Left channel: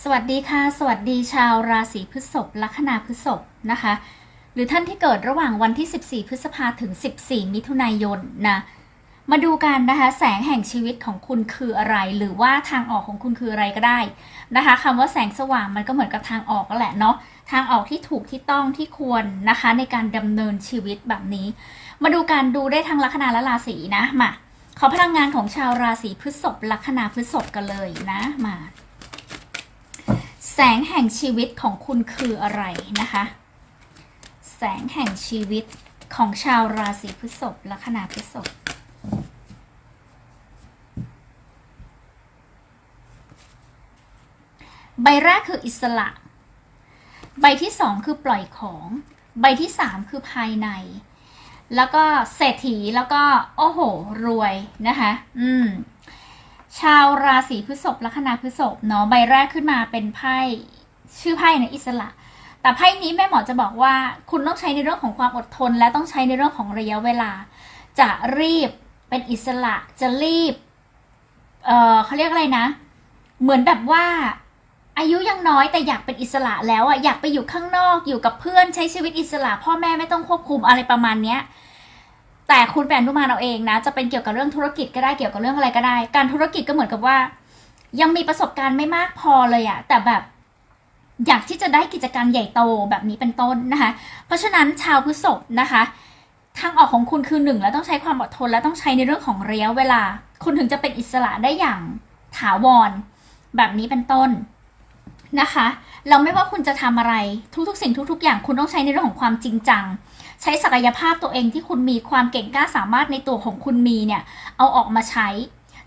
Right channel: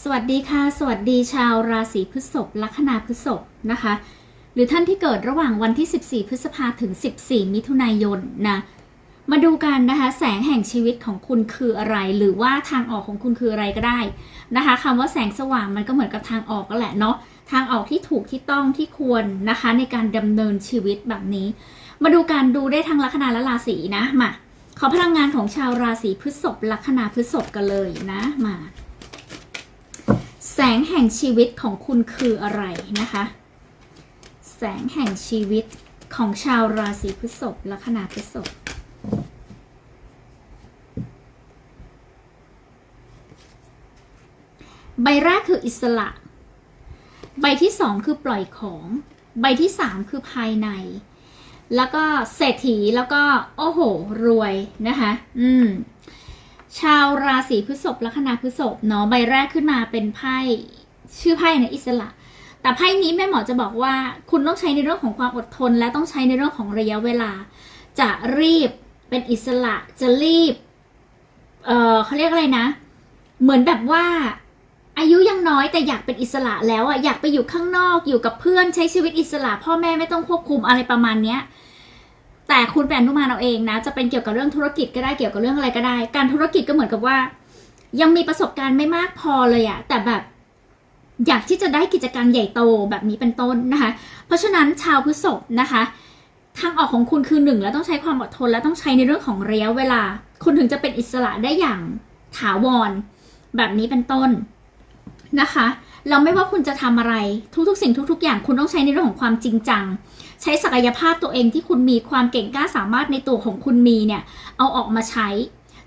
สวัสดีค่ะ สวัสดีชาวราศีพฤษภลัคนาพฤษภนะคะ หรือท่านที่เกิดระหว่างวันที่ 14 พฤษภาถึง 14 มิถุนายนนะมาดูกันนะคะ แสงแห่งชีวิตของคุณคืออะไร หรือว่าทางออกของคุณคืออะไรก็ได้นะคะคำว่าแสงสว่างมันก็เหมือนกับทางออกก็แหละเนาะทางออกที่ถูกที่ต้องที่ควรนะคะ ในการดำเนินชีวิตแบบนี้ มาดูการดูได้ทั้งลัคนาและราศีนะมาขอพลังงานของชาวราศีพฤษภลัคนาพฤษภกันเลยนะมา แสงแห่งชีวิตของคุณคืออะไรนะคะ แสงแห่งชีวิตของชาวราศีพฤษภลัคนาพฤษภใบแรกคืออิสระ ใบที่สองคือปล่อยของ ใบที่สามคือภายใน แล้วก็เศรษฐีแล้วก็ โอ้โห รวยนะคะ อืม ชาวราศีพฤษภลัคนาพฤษภเนาะใบแรกขึ้นมาเป็นไพ่ชื่อไพ่เนี่ยอิสระ แต่ไพ่นี้แม่หมอจะบอกว่าคุณต้องใช้ในเรื่องของความอดทน และต้องใช้ในเรื่องของระยะเวลา จะรีบเป็นอิสระจะรีบ เออเขาเรียกอะไรนะ เหมือนแบบว่า อายุยังน้อยแต่อยากเป็นอิสระแล้วอะอยากไปอยู่ข้างนอกอยู่กับเพื่อนใช้ชีวิตอิสระ พ่อแม่ไม่ต้องควบคุมอะไรประมาณเนี้ย แต่คุณแปลนทุมานเอาเองนะ จะเป็นเกี่ยวกับเรื่องธุรกิจก็ได้เกี่ยวกับเรื่องอะไรก็ได้ การธุรกิจก็เหมือนกับว่า ยังมีประสบการณ์ไม่มากพอเลยอะแต่แบบอยากที่จะได้กิจการใหญ่โตแบบนี้เป็นต้นนะคะ เพราะฉะนั้นชาวพฤษภนะคะ ทางออกของคุณคือหนึ่งแล้วต้องใช้ความอดทนและต้องใช้ในเรื่องของระยะเวลา คุณถึงจะเป็นอิสระได้อย่างถาวรแบบนี้เป็นต้นนะคะเราไม่ว่าคุณจะทำอะไรทุกๆ สิ่งทุก ๆ อย่างคุณต้องใช้ในเรื่องของความจริงจัง ใช้ศักยภาพตัวเองที่คุณมีความเก่งกล้าสามารถในตัวของคุณมีเนี่ยเอาออกมาใช้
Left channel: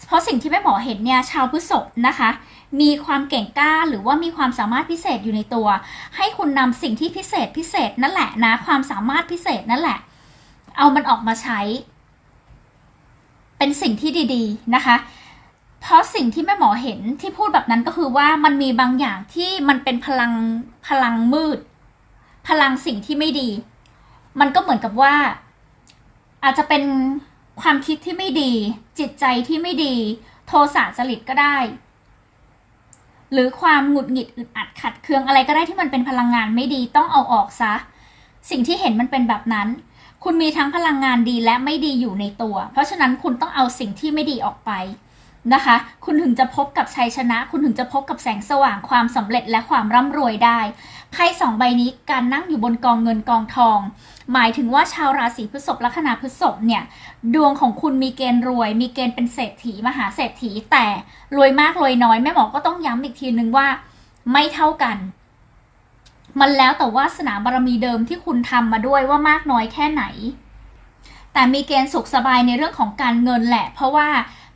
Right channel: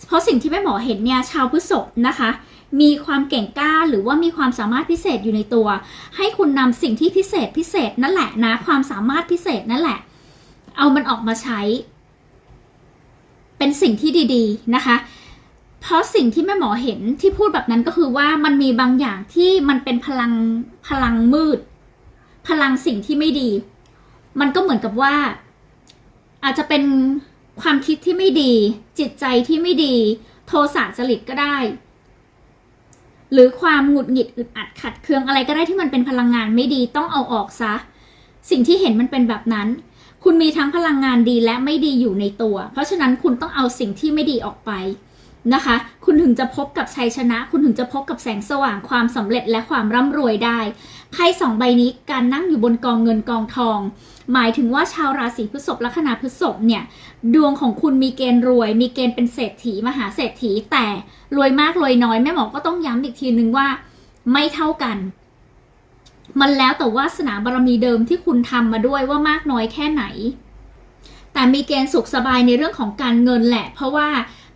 เพราะสิ่งที่แม่หมอเห็นเนี่ยชาวพฤษภนะคะ มีความเก่งกล้าหรือว่ามีความสามารถพิเศษอยู่ในตัว ให้คุณนำสิ่งที่พิเศษพิเศษนั่นแหละนะความสามารถพิเศษนั่นแหละ เอามันออกมาใช้ เป็นสิ่งที่ดี ๆนะคะเพราะสิ่งที่แม่หมอเห็นที่พูดแบบนั้นก็คือว่ามันมีบางอย่างที่มันเป็นพลังพลังมืด พลังสิ่งที่ไม่ดี มันก็เหมือนกับว่า อาจจะเป็นความคิดที่ไม่ดี จิตใจที่ไม่ดี โทสะจริตก็ได้ หรือความหงุดหงิดอึดอัดขัดเคืองอะไรก็ได้ที่มันเป็นพลังงานไม่ดีต้องเอาออกซะ สิ่งที่เห็นมันเป็นแบบนั้น คุณมีทั้งพลังงานดีและไม่ดีอยู่ในตัว เพราะฉะนั้นคุณต้องเอาสิ่งที่ไม่ดีออกไป นะคะ คุณถึงจะพบกับชัยชนะ คุณถึงจะพบกับแสงสว่างความสำเร็จและความร่ำรวยได้ไพ่สองใบนี้การนั่งอยู่บนกองเงินกองทอง หมายถึงว่าชาวราศีพฤษภลัคนาพฤษภเนี่ย ดวงของคุณมีเกณฑ์รวย มีเกณฑ์เป็นเศรษฐีมหาเศรษฐี แต่รวยมากรวยน้อยแม่หมอก็ต้องย้ำอีกทีนึงว่าไม่เท่ากัน มันแล้วแต่วาสนาบารมีเดิมที่คุณทำมาด้วยว่ามากน้อยแค่ไหน แต่มีเกณฑ์สุขสบายในเรื่องของการเงินแหละ เพราะว่า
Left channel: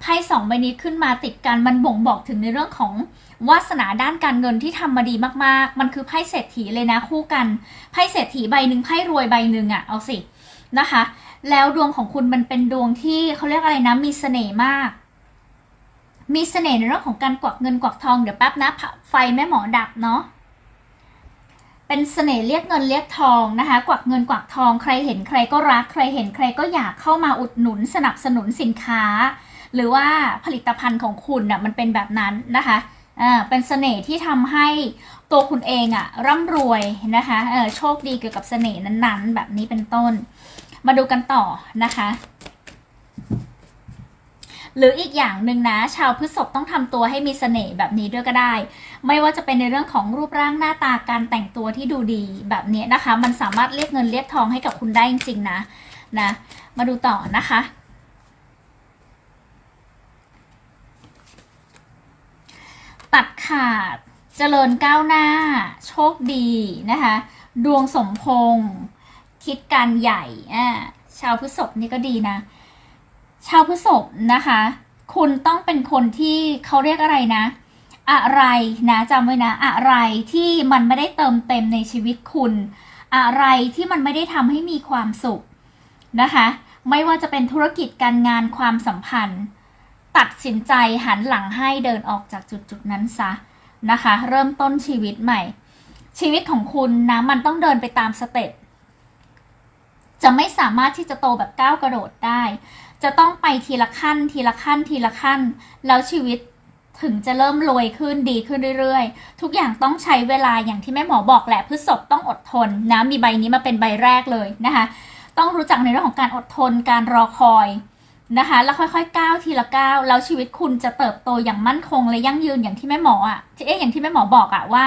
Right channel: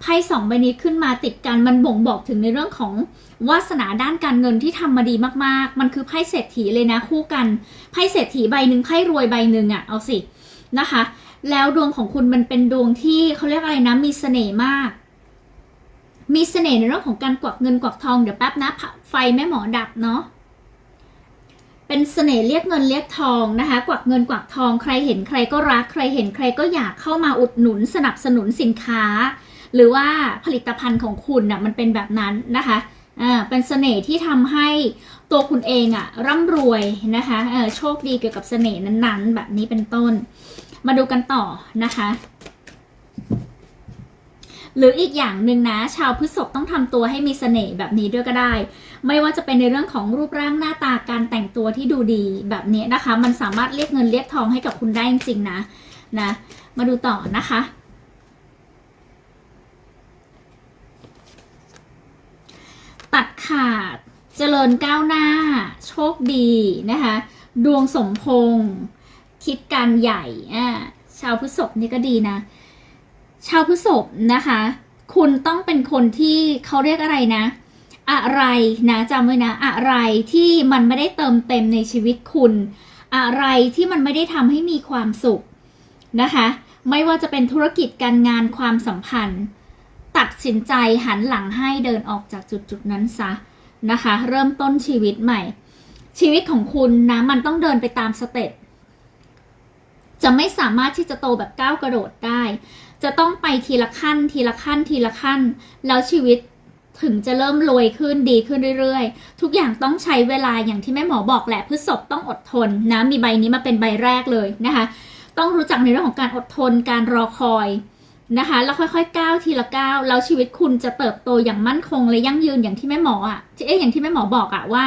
ไพ่สองใบนี้ขึ้นมาติดกันมันบ่งบอกถึงในเรื่องของวาสนาด้านการเงินที่ทำมาดีมากๆ มันคือไพ่เศรษฐีเลยนะคู่กันไพ่เศรษฐีใบหนึ่งไพ่รวยใบหนึ่งอะเอาสินะคะ แล้วดวงของคุณมันเป็นดวงที่เขาเรียกอะไรนะมีเสน่ห์มาก มีเสน่ห์ในเรื่องของการกวักเงินกวักทองเดี๋ยวแป๊บนะไฟแม่หมอดับเนาะเป็นเสน่ห์เรียกเงินเรียกทองนะคะ กวักเงินกวักทองใครเห็นใครก็รักใครเห็นใครก็อยากเข้ามาอุดหนุนสนับสนุนสินค้า หรือว่าผลิตภัณฑ์ของคุณน่ะมันเป็นแบบนั้นนะคะอ่าเป็นเสน่ห์ที่ทำให้ตัวคุณเองอะร่ำรวยนะคะเออโชคดีเกี่ยวกับเสน่ห์นั้นๆ แบบนี้เป็นต้น มาดูกันต่อนะคะหรืออีกอย่างหนึ่งนะ ชาวพฤษภต้องทำตัวให้มีเสน่ห์แบบนี้ด้วยก็ได้ ไม่ว่าจะเป็นในเรื่องของรูปร่างหน้าตาการแต่งตัวที่ดูดีแบบนี้นะคะ มันสามารถเรียกเงินเรียกทองให้กับคุณได้จริงๆนะนะ มาดูต่อนะคะ ตัดขาด เจริญก้าวหน้า โชคดีนะคะ ดวงสมพงษ์คิดการใหญ่อ่าชาวพฤษภนี่ก็ดีนะ ชาวพฤษภนะคะ คุณต้องเป็นคนที่เขาเรียกอะไรนะ อะไรนะจำไว้นะ อะไรที่มันไม่ได้เติมเต็มในชีวิตคุณ อะไรที่มันไม่ได้ทำให้มีความสุขนะคะ ไม่ว่าจะเป็นธุรกิจการงานความสัมพันธ์ ตัดสินใจหันหลังให้เดินออกจากจุดจุดนั้นซะนะคะ เริ่มต้นชีวิตใหม่ ชีวิตของคุณนะมันต้องเดินไปตามสเต็ปจะไม่สามารถที่จะโตแบบก้าวกระโดดได้ จะต้องไปทีละขั้น ทีละขั้น ทีละขั้น แล้วชีวิตถึงจะเริ่มรวยขึ้นดีขึ้นเรื่อยๆ ทุกอย่างต้องใช้เวลาอย่างที่แม่หมอบอกแหละพฤษภต้องอดทนนะมีใบนี้มาเป็นใบแรกเลยนะคะ ต้องรู้จักในเรื่องของการอดทนการรอคอย นะคะ แล้วค่อยๆก้าวทีละก้าวแล้วชีวิตคุณจะเติบโตอย่างมั่นคงและยั่งยืนอย่างที่แม่หมออะที่เอ๊ะอย่างที่แม่หมอบอกอะว่า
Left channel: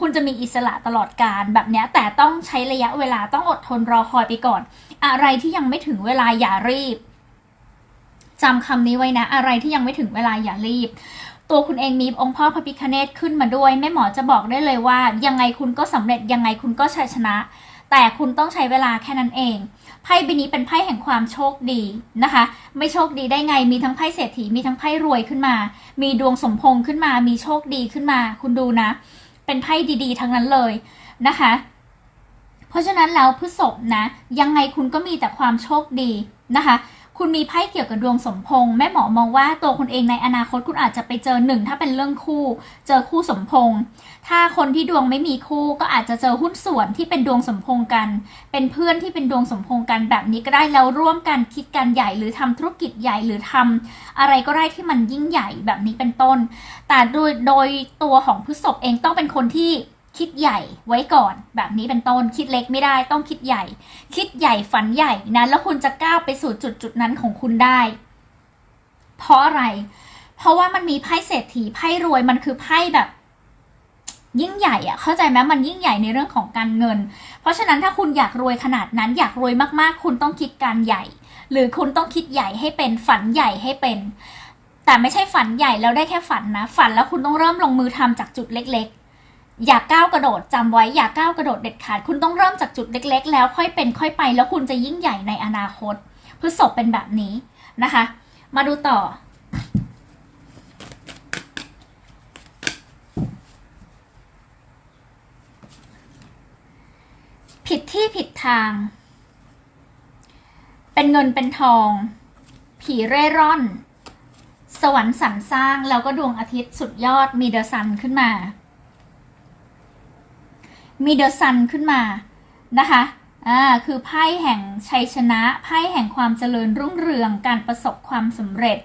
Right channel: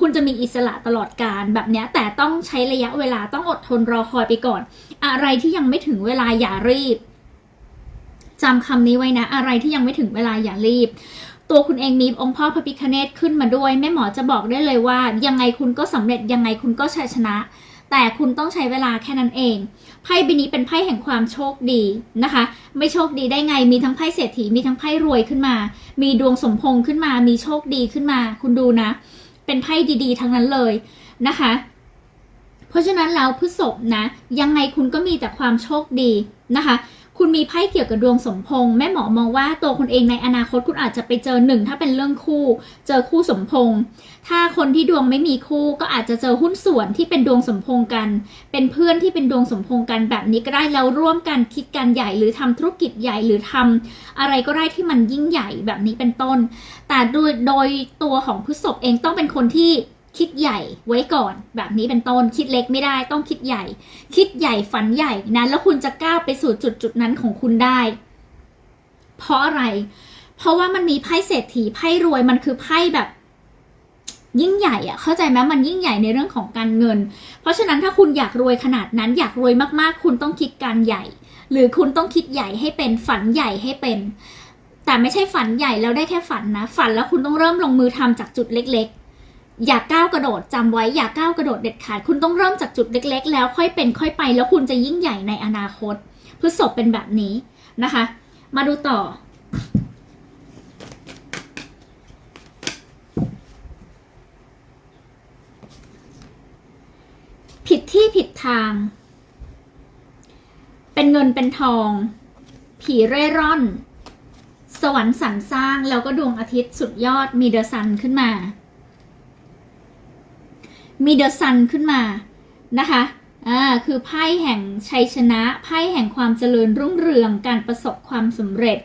คุณจะมีอิสระตลอดการแบบเนี้ยแต่ต้องใช้ระยะเวลาต้องอดทนรอคอยไปก่อน อะไรที่ยังไม่ถึงเวลาอย่ารีบจำคำนี้ไว้นะ อะไรที่ยังไม่ถึงเวลาอย่ารีบ ตัวคุณเองมีองค์พ่อพระพิคเนตขึ้นมาด้วย แม่หมอจะบอกได้เลยว่า ยังไงคุณก็สำเร็จยังไงคุณก็ชัยชนะ แต่คุณต้องใช้เวลาแค่นั้นเอง ไพ่ใบนี้เป็นไพ่แห่งความโชคดีนะคะ ไม่โชคดีได้ไง มีทั้งไพ่เศรษฐี มีทั้งไพ่รวยขึ้นมา มีดวงสมพงษ์ขึ้นมา มีโชคดีขึ้นมา คุณดูนะ เป็นไพ่ดีๆ ทั้งนั้นเลยนะคะ เพราะฉะนั้นแล้วพฤษภนะ ยังไงคุณก็มีแต่ความโชคดีนะคะ คุณมีไพ่เกี่ยวกับดวงสมพงษ์แม่หมอมองว่าตัวคุณเองในอนาคตคุณอาจจะไปเจอหนึ่งถ้าเป็นเรื่องคู่ เจอคู่สมพงษ์ถ้าคนที่ดวงไม่มีคู่ก็อาจจะเจอหุ้นส่วนที่เป็นดวงสมพงษ์กัน เป็นเพื่อนที่เป็นดวงสมพงษ์กันแบบนี้ก็ได้แล้วร่วมกันคิดกันใหญ่หรือทำธุรกิจใหญ่หรือทำอะไรก็ได้ที่มันยิ่งใหญ่แบบนี้เป็นต้น แต่โดยโดยตัวของพฤษภเองต้องเป็นคนที่ คิดใหญ่ไว้ก่อน แบบนี้เป็นต้นคิดเล็กไม่ได้ต้องคิดใหญ่ คิดใหญ่ฝันใหญ่นะแล้วคุณจะกล้าไปสู่จุดจุดนั้นของคุณได้ เพราะอะไร เพราะว่ามันมีไพ่เศรษฐีไพ่รวยมันคือไพ่แบบ ยิ่งใหญ่อะเข้าใจไหมมันยิ่งใหญ่ในเรื่องของการเงิน เพราะฉะนั้นถ้าคุณอยากรวยขนาดนั้นอยากรวยมากๆ คุณต้องคิดการใหญ่ หรือคุณต้องคิดใหญ่ให้เป็นฝันใหญ่ให้เป็น แต่ไม่ใช่ฝันใหญ่แล้วได้แค่ฝันนะ ฝันแล้วคุณต้องเริ่มลงมือทำจากจุดเล็ก อย่าก้าวกระโดดจำไว้อย่าก้าวกระโดดเด็ดขาด คุณต้องเริ่มจากจุดเล็ก ๆ แล้วค่อยเป็นค่อยไป แล้วคุณจะยิ่งใหญ่ในอนาคตพฤษภเป็นแบบนี้นะคะ มาดูต่อ ผิดที่ผิดทาง เป็นเงินเป็นทอง ผีเร่ร่อน สวรรค์สรรสร้างแล้วก็ดวงอาทิตย์สุดยอดมีเดอะซันขึ้นมา มีเดอะซันขึ้นมานะคะอ่าคือไพ่แห่งชัยชนะไพ่แห่งความเจริญรุ่งเรืองการประสบความสำเร็จ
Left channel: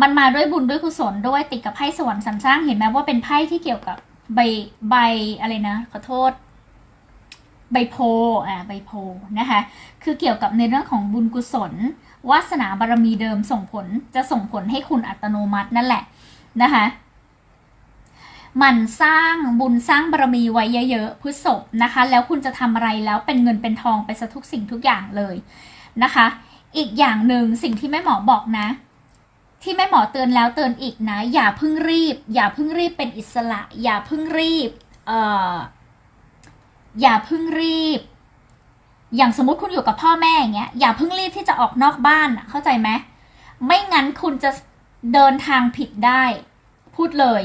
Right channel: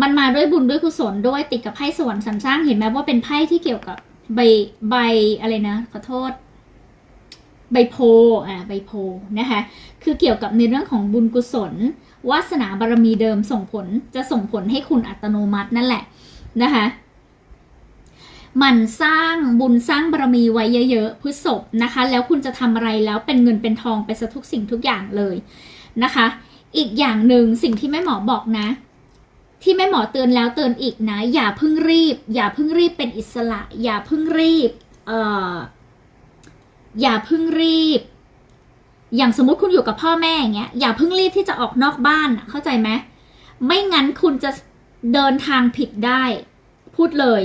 มันมาด้วยบุญด้วยกุศลด้วยติดกับไพ่สวรรค์สรรสร้างเห็นไหมว่าเป็นไพ่ที่เกี่ยวกับใบใบอะไรนะขอโทษ ใบโพอ่าใบโพนะคะคือเกี่ยวกับในเรื่องของบุญกุศลวาสนาบารมีเดิมส่งผลจะส่งผลให้คุณอัตโนมัตินั่นแหละนะคะ มันสร้างบุญสร้างบารมีไว้เยอะๆพฤษภนะคะ แล้วคุณจะทำอะไรแล้วเป็นเงินเป็นทองไปซะทุกสิ่งทุกอย่างเลยนะคะ อีกอย่างหนึ่งสิ่งที่แม่หมอบอกนะ ที่แม่หมอเตือนแล้วเตือนอีกนะ อย่าเพิ่งรีบ อย่าเพิ่งรีบเป็นอิสระ อย่าเพิ่งรีบเอ่ออย่าเพิ่งรีบ อย่างสมมติคุณอยู่กับพ่อแม่อย่างเงี้ยอย่าเพิ่งรีบที่จะออกนอกบ้านเข้าใจไหมไม่งั้นคุณจะเดินทางผิดได้ พูดเลย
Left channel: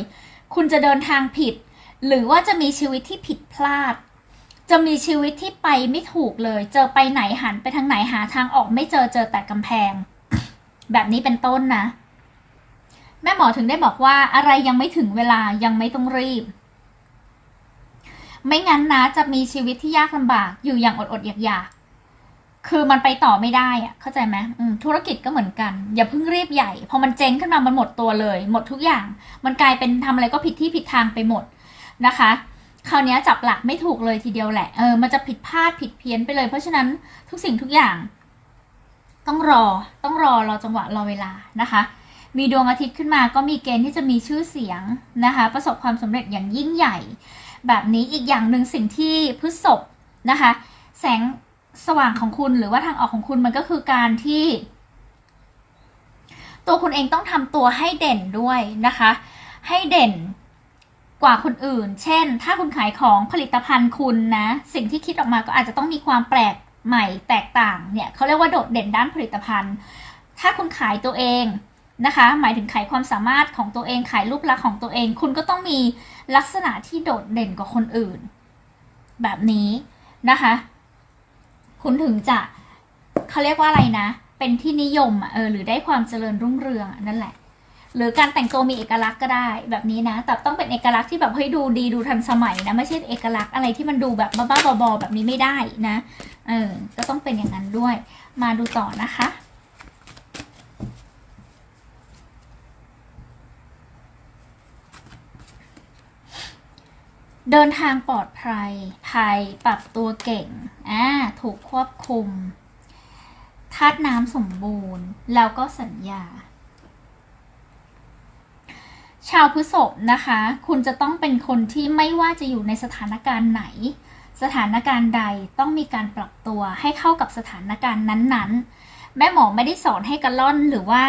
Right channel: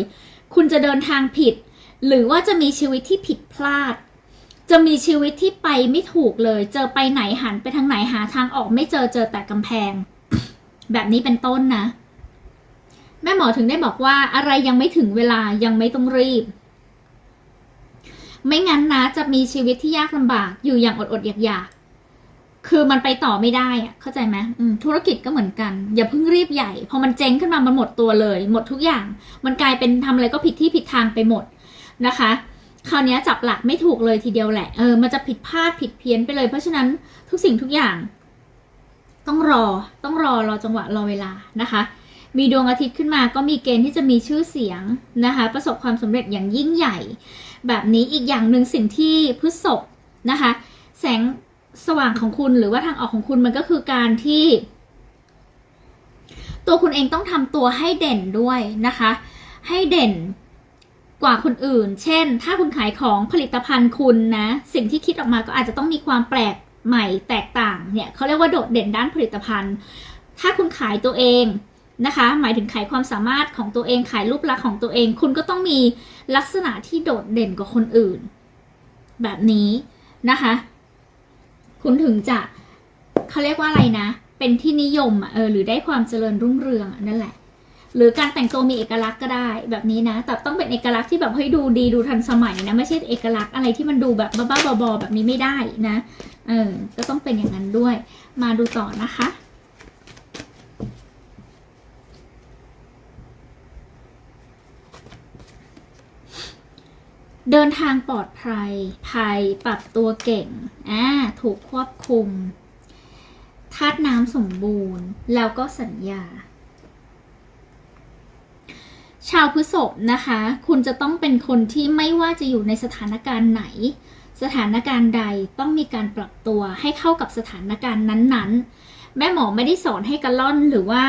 คุณจะเดินทางผิด หรือว่าจะมีชีวิตที่ผิดพลาด จะมีชีวิตที่ไปไม่ถูกเลย เจอไปไหนหันไปทางไหนหาทางออกไม่เจอเจอแต่กำแพง แบบนี้เป็นต้นนะ แม่หมอถึงได้บอกว่าอะไรยังไม่ถึงเวลายังไม่ต้องรีบ ไม่งั้นนะจะมีชีวิตที่ยากลำบากอยู่อย่างอดอดๆอยาก คือมันไปต่อไม่ได้อะเข้าใจไหมธุรกิจก็เหมือนกัน อย่าเพิ่งรีบใหญ่ พอมันเจ๊งขึ้นมามันหมดตัวเลย หมดทุกอย่าง มันกลายเป็นทำอะไรก็ผิดที่ผิดทางไปหมดนะคะ คราวนี้จับหลักไม่ถูกเลยทีเดียวแหละ เออ มันจะผิดพลาดผิดเพี้ยนไปเลย เพราะฉะนั้นทุกสิ่งทุกอย่าง ต้องรอ ต้องรอรอจังหวะรอเวลานะคะ มีดวงอาทิตย์ขึ้นมาก็มีเกณฑ์ที่จะมีชื่อเสียงนะคะ ประสบความสำเร็จอย่างยิ่งใหญ่ แบบนี้อีกอย่างหนึ่งสิ่งที่พฤษภนะคะ แสง สว่างของคุณหรือว่าทางออกของคุณมันก็คือการที่ ตัวคุณเองต้องทำตัวให้เด่นด้วยนะคะ ให้เด่นกว่าคนอื่น เช่น ถ้าคุณขายของผลิตภัณฑ์คุณนะ สิ่งที่คิดออกมาก็อาจจะต้องมีความแปลกใหม่แตกต่างเนี่ยเขาเรียกว่าโดดเด่นด้านผลิตภัณฑ์ ถ้าคุณขายตัวเองนะคะ หมายถึงขายความสามารถของตัวเองขายรูปลักษณ์ของตัวเอง คุณก็ต้องมีลักษณะที่โดดเด่นกว่าคนอื่น แบบนี้นะคะ คุณถึงจะเขาเรียกว่าอะไรนะ เป็นที่นิยมอะเออหรือได้ความเจริญรุ่งเรืองนั่นแหละ หรือการแต่งตัวมีเอกลักษณ์ก็ได้แบบนี้นะ แต่ต้องเป็นเอกลักษณ์ที่แบบให้ดูดีดูทันสมัยนะไม่ใช่เอกลักษณ์อะไรที่มันดูแบบบ้าๆบอๆแบบนี้ไม่ได้นะเออก็ต้องเป็นอย่างนั้นด้วย มาดูต่อนะคะ เดินทางปลอดภัย ภัยปรับตัวเก่ง อ่า ถูกควบคุมธาตุน้ำสมบูรณ์ แล้วก็สัญญา ชาวพฤษภนะคะ คุณจะต้องเป็นคนที่ไม่ว่าจะอยู่ในสถานการณ์ไหน สถานการณ์ใดต้องมีการปรับตัวให้เข้ากับสถานการณ์นั้นๆ แม่หมอไม่ได้สอนให้กระล่อนหรือว่า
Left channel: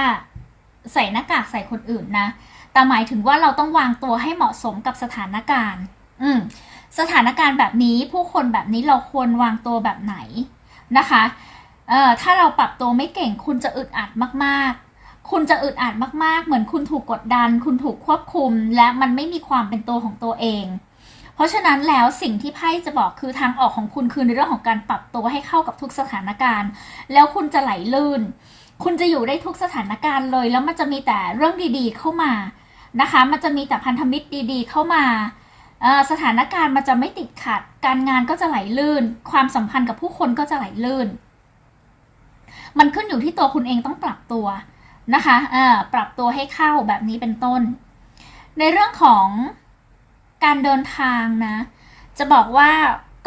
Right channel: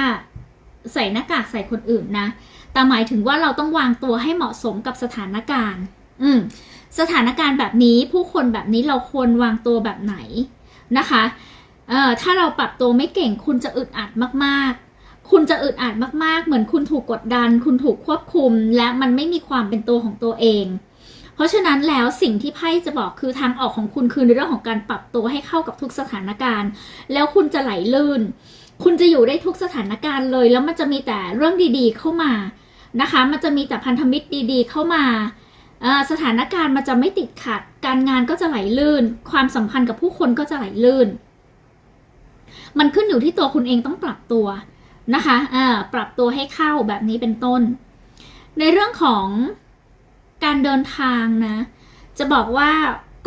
ใส่หน้ากากใส่คนอื่นนะ แต่หมายถึงว่าเราต้องวางตัวให้เหมาะสมกับสถานการณ์ อืมสถานการณ์แบบนี้ผู้คนแบบนี้เราควรวางตัวแบบไหนนะคะเอ่อถ้าเราปรับตัวไม่เก่งคุณจะอึดอัดมากๆ คุณจะอึดอัดมากๆ เหมือนคุณถูกกดดัน คุณถูกควบคุม และมันไม่มีความเป็นตัวของตัวเอง เพราะฉะนั้นแล้วสิ่งที่ไพ่จะบอกคือทางออกของคุณคือในเรื่องของการปรับตัวให้เข้ากับทุกสถานการณ์ แล้วคุณจะไหลลื่น คุณจะอยู่ได้ทุกสถานการณ์เลย แล้วมันจะมีแต่เรื่องดีๆ เข้ามานะคะ มันจะมีแต่พันธมิตรดี ๆ เข้ามา สถานการณ์มันจะไม่ติดขัด การงานก็จะไหลลื่น ความสัมพันธ์กับผู้คนก็จะไหลลื่น มันขึ้นอยู่ที่ตัวคุณเองต้องปรับตัวนะคะปรับตัวให้เข้าแบบนี้เป็นต้น ในเรื่องของการเดินทางนะ จะบอกว่า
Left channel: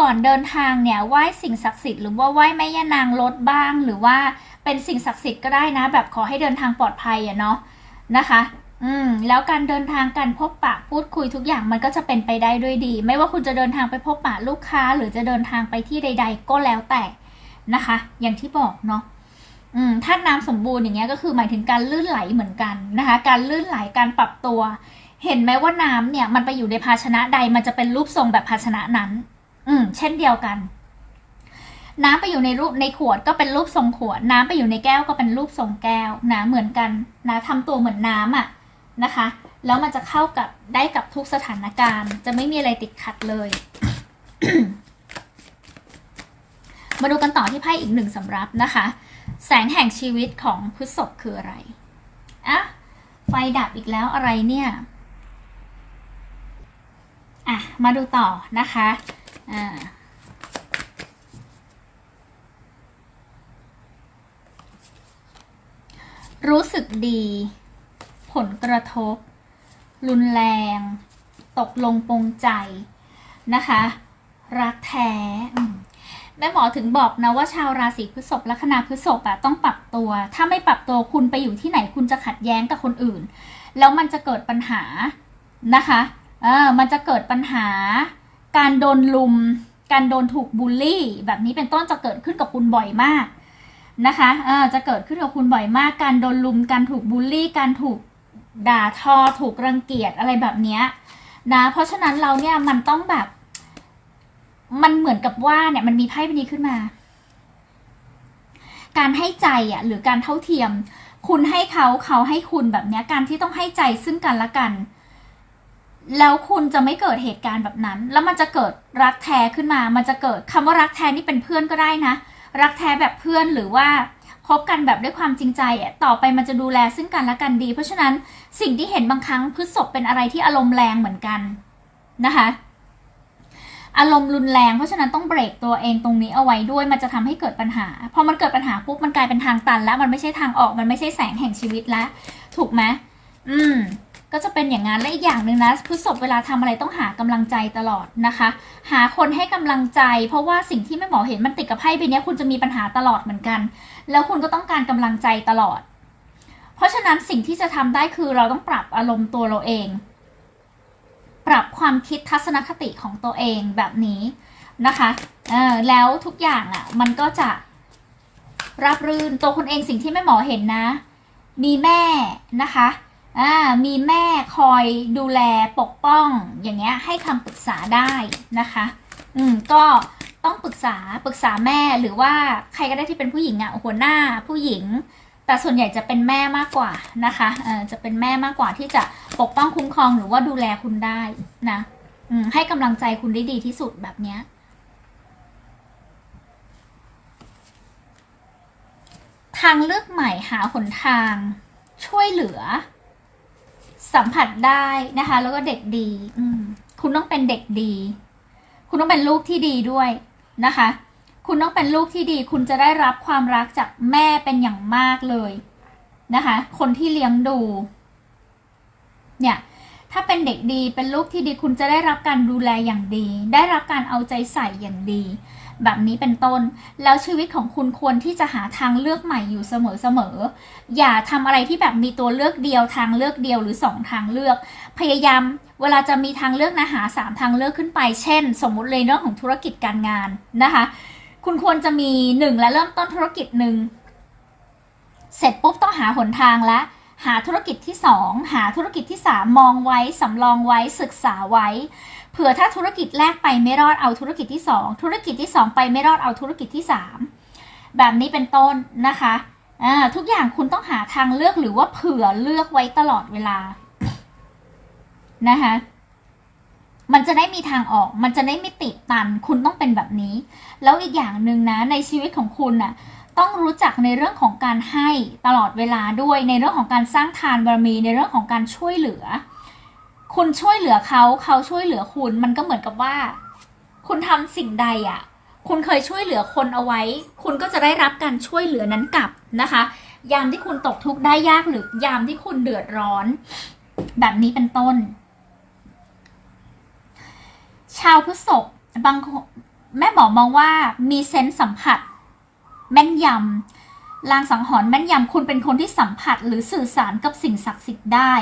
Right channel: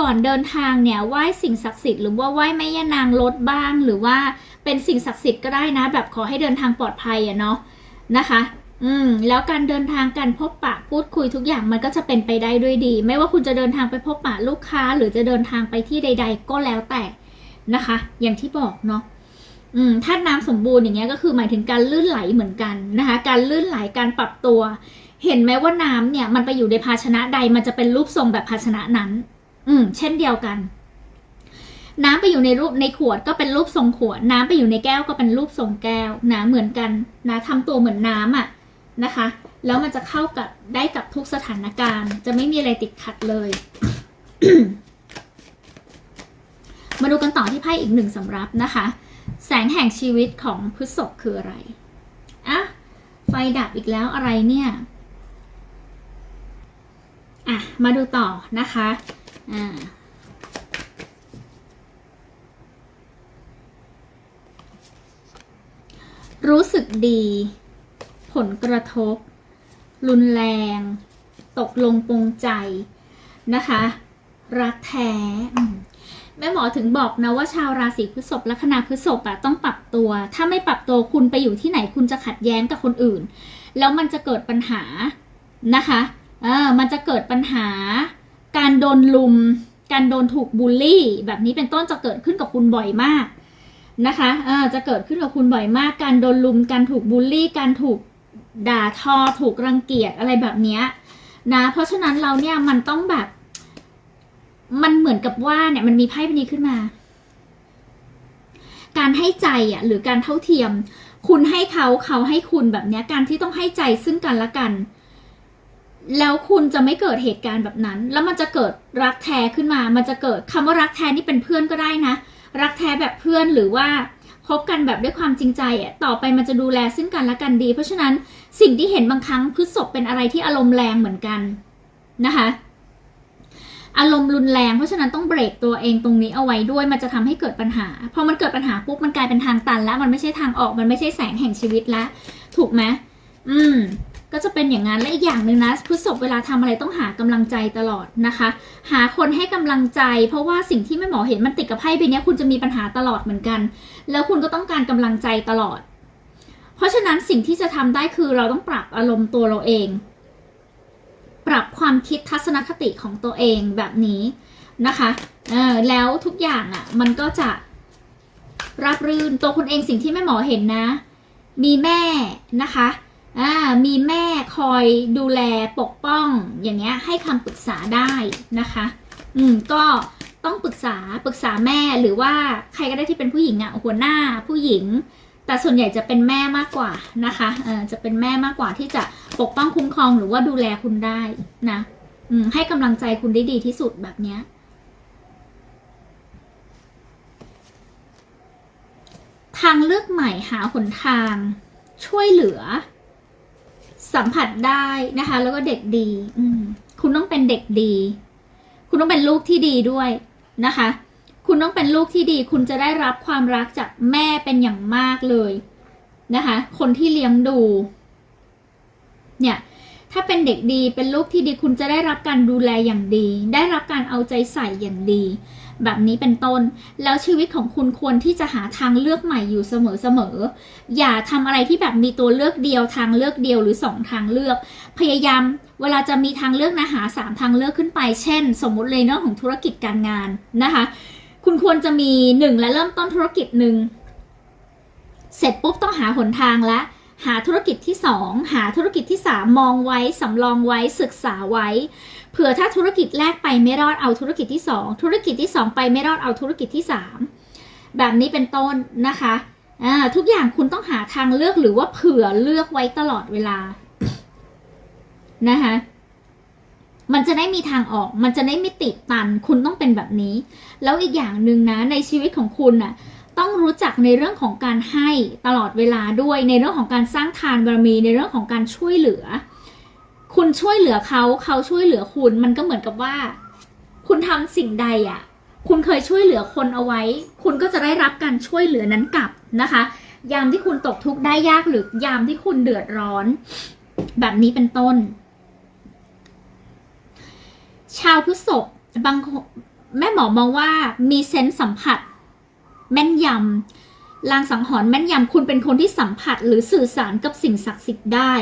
ก่อนเดินทางเนี่ยไหว้สิ่งศักดิ์สิทธิ์หรือว่าไหว้แม่ย่านางรถบ้าง หรือว่าเป็นสิ่งศักดิ์สิทธิ์ก็ได้นะ แบบขอให้เดินทางปลอดภัยอะเนาะนะคะ อืมแล้วการเดินทางการพบปะพูดคุยทุกอย่างมันก็จะเป็นไปได้ด้วยดี ไม่ว่าคุณจะเดินทางไปพบปะลูกค้า หรือจะเดินทางไปที่ใด ๆ ก็แล้วแต่นะคะ อย่างที่บอกเนาะอืมถ้าน้ำสมบูรณ์อย่างเงี้ยก็คือหมายถึงการลื่นไหลเหมือนกันนะคะ การลื่นไหลการปรับตัว เห็นไหมว่าน้ำเนี่ย มันไปอยู่ในภาชนะใดมันจะเป็นรูปทรงแบบภาชนะนั้น อืม เช่นเดียวกัน น้ำไปอยู่ในรูปในขวดก็เป็นรูปทรงขวด น้ำไปอยู่ในแก้วก็เป็นรูปทรงแก้วนะเหมือนกันนะทำตัวเหมือนน้ำอะ นะคะ แล้วมันจะเข้ากับได้กับทุกสถานการณ์ จะไม่มีอะไรติดขัดเลย มาดูกันต่อที่ไพ่อีกหนึ่งสำรับนะคะ แสงแห่งชีวิตของพฤษภคืออะไรอะไฟดับอีกแล้วอะไรเนี่ยอะมาดูต่อนะคะอ่ารู้สึกดี ผลกระทบ รุนแรง ตกลงปรงใจนะคะ รักแท้แม่หมอถึงบอกนะว่าชาวราศีพฤษภลัคนาพฤษภอะต้องปรับตัว ถ้าไม่ปรับตัวคุณไปอยู่ที่ไหนคุณจะขัดแย้งกับคนอื่น แล้วมันจะเกิดปัญหานะคะเออมันจะเกิดปัญหา การโดนลุม การโดนถูกบูลลี่ แบบนี้เป็นต้นจะเกิดขึ้นกับคุณบ่อยมากนะคะเออจะเกิดขึ้นกับคุณบ่อยมาก การโดนลุม การถูกบูลลี่ การถูก ด่าทอถูกรังเกียจอะไรแบบเนี้ยนะ เพราะฉะนั้นเราเนี่ยมันต้องแบบ มันเหมือนกับว่าเนี่ยมันมีไพ่ใบนี้ขึ้นมา การให้ใจอะหรือการเท่าเทียม คุณให้เขาเขาให้คุณแบบเนี้ยการที่ต้องให้ใจซึ่งกันและกัน แล้วคุณจะไม่เกิดเหตุการณ์แบบนั้น แล้วมันจะเกิดรักแท้ขึ้นมา มันจะเกิดคำว่ารักแท้นี่เป็นเพื่อนก็ได้นะ รักแท้แบบเพื่อนหรือว่า คบกันแบบด้วยความจริงใจอะต่อไปมันจะดูแลซึ่งกันและกันดี เพราะฉะนั้นสิ่งที่เห็นบางครั้งพฤษภเป็นอะไรที่อารมณ์แรงเหมือนกันนะคะอารมณ์รุนแรงเพราะฉะนั้นต้องเบรกตัวเองตรงนี้เอาไว้ด้วยมันจะทำให้เกิดปัญหาพอมันเกิดปัญหาปุ๊บมันกลายเป็นทางตันแล้วมันไม่ใช่ทางออกมันไม่ใช่แสงแห่งชีวิตแล้วถูกไหมอืม ก็จะเป็นอย่างนั้นและอีกอย่างหนึ่งนะพฤษภเวลาทำอะไรต้องหากำลังใจตลอดนะคะ หาคนให้กำลังใจ เพราะว่าสิ่งที่แม่หมอเห็นมันติดกับไพ่ใบนี้คุณจะมีปัญหาตลอดเหมือนกัน แล้วคุณก็ต้องการกำลังใจตลอด เพราะฉะนั้นสิ่งที่จะทำได้คือเราต้องปรับอารมณ์ตัวเราเอง ปรับความคิดทัศนคติของตัวเองแบบนี้นะคะเออแล้วทุกอย่างอะ่ะมันก็จะรับรื่นตัวคุณเองสิ่งที่แม่หมอเห็นนะ มีแม่นะคะ อ่ามีแม่คอยดูแลปกป้อง อย่างเงี้ยให้คำปรึกษาได้นะคะ อืมก็ต้องปรึกษาปรึกษาแม่หรือว่าใครก็ได้ที่เป็นผู้หญิงอะ่ะหัวหน้าผู้หญิง แต่ส่วนใหญ่จะเป็นแม่มากกว่านะคะเออจะเป็นแม่มากกว่าที่จะปกป้องคุ้มครองหรือว่าดูแลคุณได้นะอืมให้กำลังใจคุณได้ดีที่สุดแบบเนี้ยทางเลือกใหม่หาหนทางช่วยเหลือ สัมผัสได้นะคะ แล้วก็เด็กดี อืม คุณต้องเป็นเด็กดี คุณต้องเป็นลูกที่ดีด้วยนะคะ คุณต้องเป็นลูกที่ดี คุณจะได้รับความรักจากแม่เป็นอย่างมากเลยนะคะ คนที่เลี้ยงดู เนี่ย ถ้าเป็นเด็กดีเป็นลูกที่ดี คุณจะได้รับการดูแลอย่างดี ได้รับการเอาใจใส่อย่างดี แบบนี้เป็นต้น แล้วชีวิตของคุณควรที่จะหาทางเลือกใหม่อยู่เสมอๆ อย่าทำอะไรที่แบบมีตัวเลือกเดียวทางเลือกเดียวหรือสองทางเลือก พยายามเวลาจะมีทางเลือกนะหาสามทางเลือกขึ้นไป เช่น สมมุติเลยเรื่องของธุรกิจการงานนะคะ คุณควรจะมีหนึ่งและเริ่มต้นธุรกิจหนึ่ง เสร็จปุ๊บต้องหาหนทางละ หาธุรกิจที่สองหาธุรกิจที่สามมองไว้สำรองไว้ศึกษาไว้เผื่อถ้าธุรกิจแรกไปไม่รอดเอาธุรกิจที่สองธุรกิจที่สองไปไม่รอดเอาธุรกิจที่สามแบบนี้เป็นต้นนะคะทุกอย่างคุณต้องหาทางเลือกหรือว่าเผื่อเลือกไว้ตลอดเวลานะคะมันจะได้มีทางออก มันจะได้ไม่ติดตัน คุณต้องเป็นแบบนี้ แล้วอีกอย่างหนึ่งนะ ในชีวิตของคุณน่ะ ต้องรู้จักในเรื่องของการให้ตลอดเวลาด้วยในเรื่องของการสร้างทานบารมีในเรื่องของการช่วยเหลือ คุณช่วยเหลือเขาเขาช่วยเหลือคุณมันก็เหมือนกับว่า คุณทำสิ่งใดอะ คุณเคยช่วยเหลือคนเอาไว้ คุณก็จะได้รับการช่วยเหลือนั้นกลับนะคะ ยามที่คุณตกทุกข์ได้ยากหรือยามที่คุณเดือดร้อน แบบนี้เป็นต้น ชาวพฤษภบางแม่หมอมองว่ามีเซนส์สัมผัส แม่นยำลางสังหรณ์แม่นยำคุณเป็นคนที่สัมผัสหรือสื่อสารกับสิ่งศักดิ์สิทธิ์ได้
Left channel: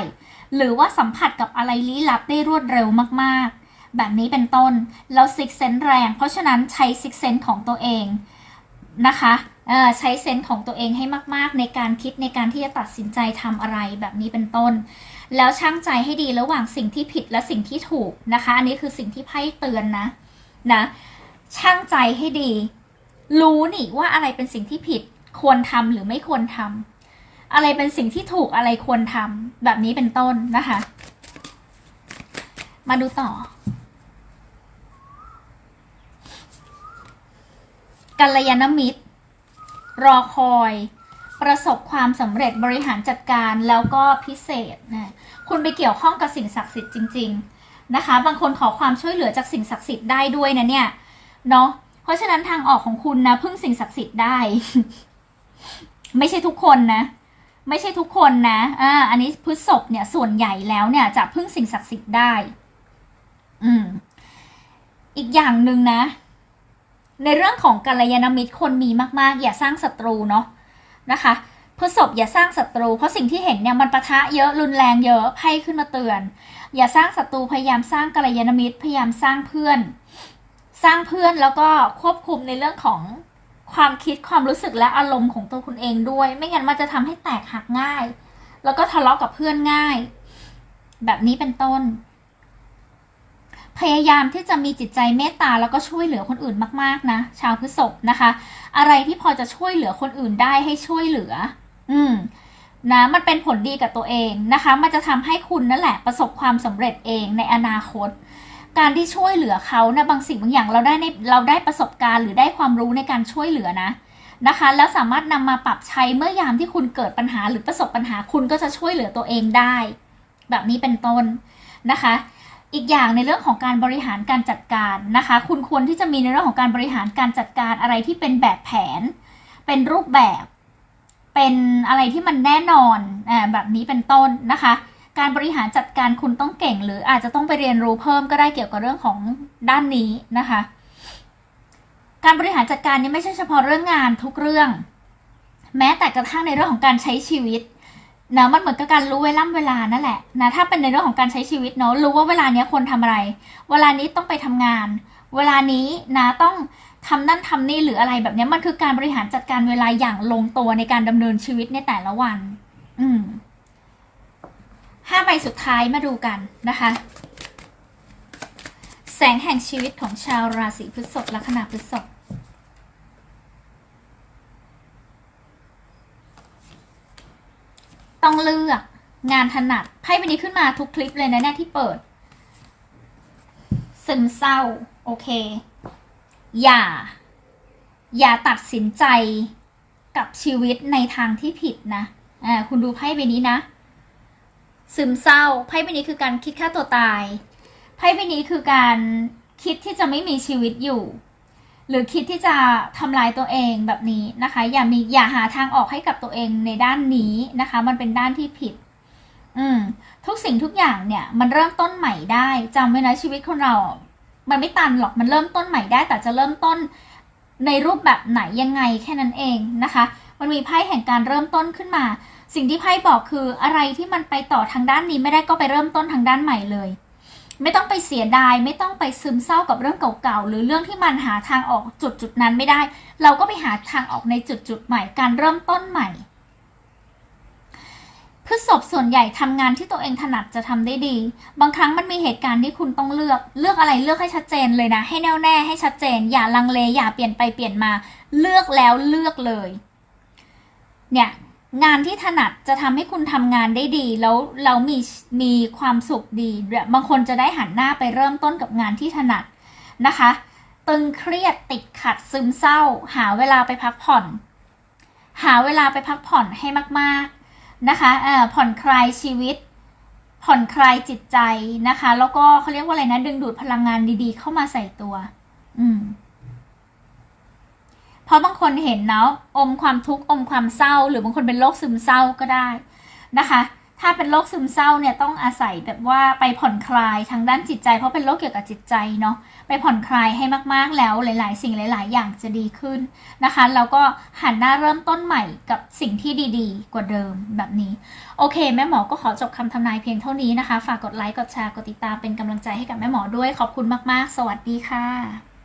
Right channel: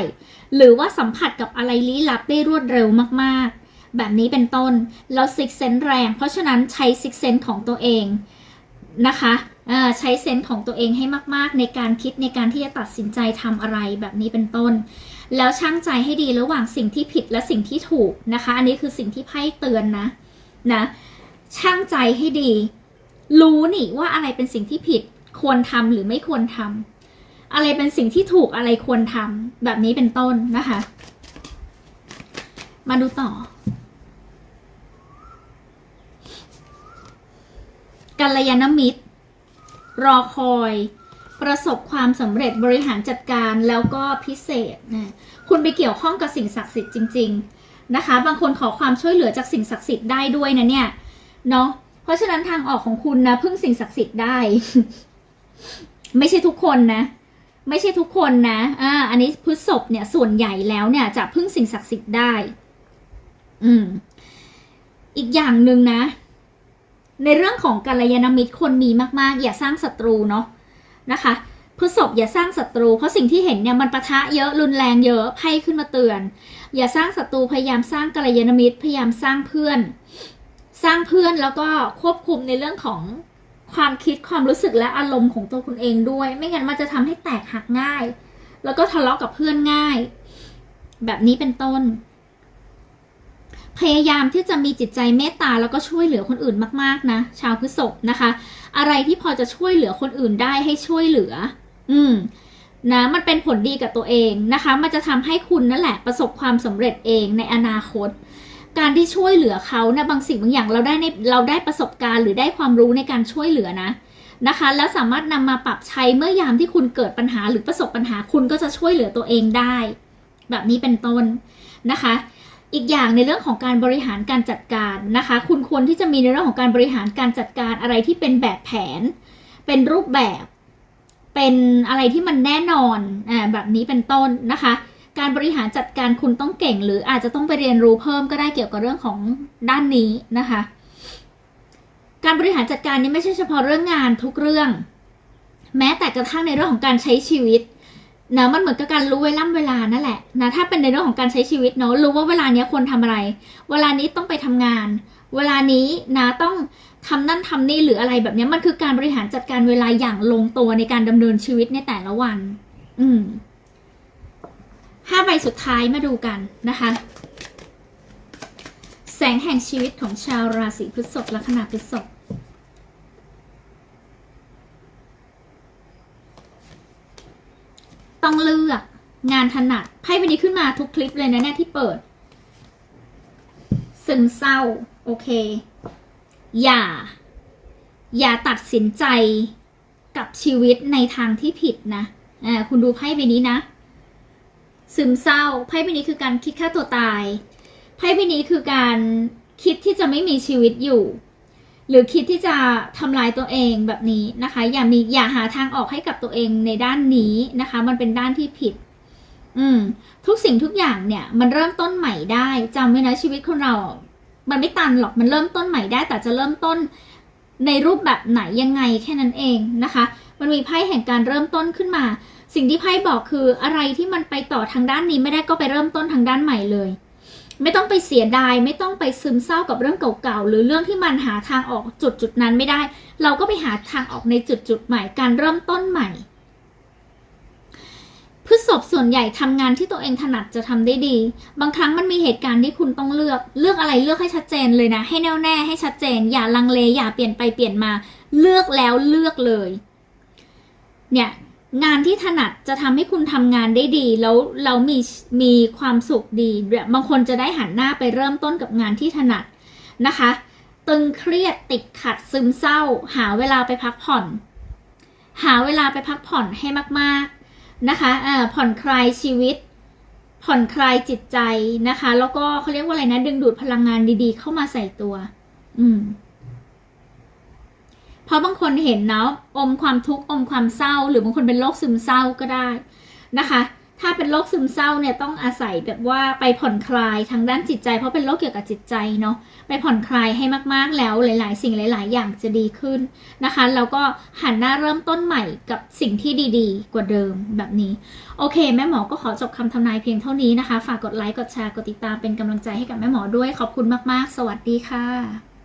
หรือว่าสัมผัสกับอะไรลี้ลับได้รวดเร็วมากๆ แบบนี้เป็นต้นแล้วซิกเซนแรง เพราะฉะนั้นใช้ซิกเซนของตัวเองนะคะใช้เซนส์ของตัวเองให้มากๆ ในการคิดในการที่จะตัดสินใจทำอะไรแบบนี้เป็นต้น แล้วช่างใจให้ดีระหว่างสิ่งที่ผิดและสิ่งที่ถูกนะคะ อันนี้คือสิ่งที่ไพ่เตือนนะนะช่างใจให้ดี รู้นี่ว่าอะไรเป็นสิ่งที่ผิดควรทำหรือไม่ควรทำอะไรเป็นสิ่งที่ถูกอะไรควรทำแบบนี้เป็นต้นนะคะ มาดูต่อ กัลยาณมิตร รอคอย ประสบความสำเร็จบริหารจัดการแล้วก็พิเศษนะคุณไปเกี่ยวข้องกับสิ่งศักดิ์สิทธิ์จริง ๆ นะคะ บางคนขอความช่วยเหลือจากสิ่งศักดิ์สิทธิ์ได้ด้วยนะเนี่ยเนาะ เพราะฉะนั้นทางออกของคุณนะพึ่งสิ่งศักดิ์สิทธิ์ได้ ไม่ใช่ทุกคนนะ ไม่ใช่ทุกคนนะ อ่า อันนี้พฤษภเนี่ยส่วนใหญ่แล้วเนี่ย จะพึ่งสิ่งศักดิ์สิทธิ์ได้ อืม อีกอย่างหนึ่งนะ ในเรื่องของกัลยาณมิตรคนมีมาก ๆ อย่าสร้างศัตรูเนาะนะคะพฤษภอย่าสร้างศัตรู เพราะสิ่งที่เห็นเนี่ยมันปะทะเยอะรุนแรงเยอะไพ่ขึ้นมาเตือน อย่าสร้างศัตรูพยายามสร้างกัลยาณมิตรพยายามสร้างเพื่อน สร้างเพื่อนแล้วก็ควบคุมในเรื่องของความคิดความรู้สึกและอารมณ์ของตัวคุณเองด้วย ไม่งั้นมันจะทำให้แตกหักง่าย แล้วก็ทะเลาะกับเพื่อนง่าย แบบนี้เป็นต้น พยายามที่จะมีจิตใจเมตตาแล้วก็ช่วยเหลือคนอื่นมากๆนะชาวพฤษภนะคะ อะไรที่พอจะช่วยเหลือคนอื่นได้ให้ช่วยเหลือ อืมนะมันเป็นผลดีกับตัวเองนะคะ มันจะทำให้คุณนั่นแหละประสบความสำเร็จเองในอนาคต การที่ช่วยเหลือเขานะบางสิ่งบางอย่างเราได้ในเราได้ประสบการณ์ หรือได้ความรู้ในการช่วยเหลือนะนะคะ แล้วสามารถนำมาปรับใช้เมื่อยามที่คุณเกิดปัญหาหรือประสบปัญหาคุณก็จะช่วยเหลือตัวเองได้ แบบนี้เป็นต้นนะคะ อีกอย่างในเรื่องของการบริหารการจัดการนะคะ คุณควรที่จะมีในเรื่องของการบริหารการจัดการอะไรที่เป็นแบบแผน เป็นรูปแบบ เป็นอะไรที่มันแน่นอนอ่าแบบนี้เป็นต้นนะคะ การบริหารจัดการคุณต้องเก่ง หรืออาจจะต้องไปเรียนรู้เพิ่มก็ได้เกี่ยวกับเรื่องของด้านนี้นะคะ การบริหารจัดการนี้ไม่ใช่เฉพาะเรื่องงานทุกเรื่อง แม้แต่กระทั่งในเรื่องของการใช้ชีวิตนะมันเหมือนกับการรู้เวล่ำเวลานั่นแหละนะถ้าเป็นในเรื่องของการใช้ชีวิตเนาะรู้ว่าเวลานี้ควรทำอะไร เวลานี้ต้องไปทำงาน เวลานี้นะต้องทำนั่นทำนี่หรืออะไรแบบนี้มันคือการบริหารจัดการเวลาอย่างลงตัวในการดำเนินชีวิตในแต่ละวัน อืม ห้าใบสุดท้ายมาดูกันนะคะ แสงแห่งชีวิตของชาวราศีพฤษภลัคนาพฤษภต้องเลือกงานถนัดไพ่ใบนี้ขึ้นมาทุกคลิปเลยนะเนี่ยที่เปิด ซึมเศร้า โอเค อย่า อย่าตัดสินใจกับชีวิตในทางที่ผิดนะอ่าคุณดูไพ่ใบนี้นะ ซึมเศร้าไพ่ใบนี้คือการคิดฆ่าตัวตายไพ่ใบนี้คือการคิดที่จะไม่มีชีวิตอยู่ หรือคิดที่จะทำลายตัวเองแบบนี้นะคะ อย่ามีอย่าหาทางออกให้กับตัวเองในด้านนี้นะคะ มันเป็นด้านที่ผิด อืม ทุกสิ่งทุกอย่างเนี่ย มันเริ่มต้นใหม่ได้จำไว้นะชีวิตคนเรา มันไม่ตันหรอกมันเริ่มต้นใหม่ได้ แต่จะเริ่มต้นในรูปแบบไหนยังไงแค่นั้นเองนะคะ มันมีไพ่แห่งการเริ่มต้นขึ้นมา สิ่งที่ไพ่บอกคืออะไรที่มันไปต่อทางด้านนี้ไม่ได้ก็ไปเริ่มต้นทางด้านใหม่เลย ไม่ต้องไปเสียดาย ไม่ต้องไปซึมเศร้ากับเรื่องเก่าๆหรือเรื่องที่มันหาทางออกจุดจุดนั้นไม่ได้ เราก็ไปหาทางออกในจุดจุดใหม่การเริ่มต้นใหม่พฤษภส่วนใหญ่ทำงานที่ตัวเองถนัดจะทำได้ดี บางครั้งมันมีเหตุการณ์ที่คุณต้องเลือก เลือกอะไรเลือกให้ชัดเจนเลยนะ ให้แน่วแน่ให้ชัดเจน อย่าลังเลอย่าเปลี่ยนไปเปลี่ยนมา เลือกแล้วเลือกเลย เนี่ย งานที่ถนัดจะทำให้คุณทำงานได้ดี แล้วเรามีมีความสุขดีบบบางคนจะได้หันหน้าไปเริ่มต้นกับงานที่ถนัดนะคะ ตึงเครียดติดขัดซึมเศร้า หาเวลาไปพักผ่อน หาเวลาไปพักผ่อนให้มากๆนะคะเอ่อผ่อนคลายชีวิต ผ่อนคลายจิตใจนะคะ แล้วก็เขาเรียกว่าอะไรนะ ดึงดูดพลังงานดีๆ เข้ามาใส่ตัว อืม เพราะบางคนเห็นเนาะอมความทุกข์อมความเศร้า หรือบางคนเป็นโรคซึมเศร้าก็ได้นะคะ ถ้าเป็นโรคซึมเศร้าเนี่ยต้องอาศัยแบบว่าไปผ่อนคลายทางด้านจิตใจ เพราะเป็นโรคเกี่ยวกับจิตใจเนาะไปผ่อนคลายให้มากๆแล้วหลาย ๆ สิ่งหลาย ๆ อย่างจะดีขึ้นนะคะแล้วก็หันหน้าเริ่มต้นใหม่กับสิ่งที่ดีๆ กว่าเดิมแบบนี้ โอเค แม่หมอก็ขอจบคำทำนายเพียงเท่านี้นะคะ ฝากกดไลค์กดแชร์กดติดตามเป็นกำลังใจให้กับแม่หมอด้วยขอบคุณมาก ๆ สวัสดีค่ะ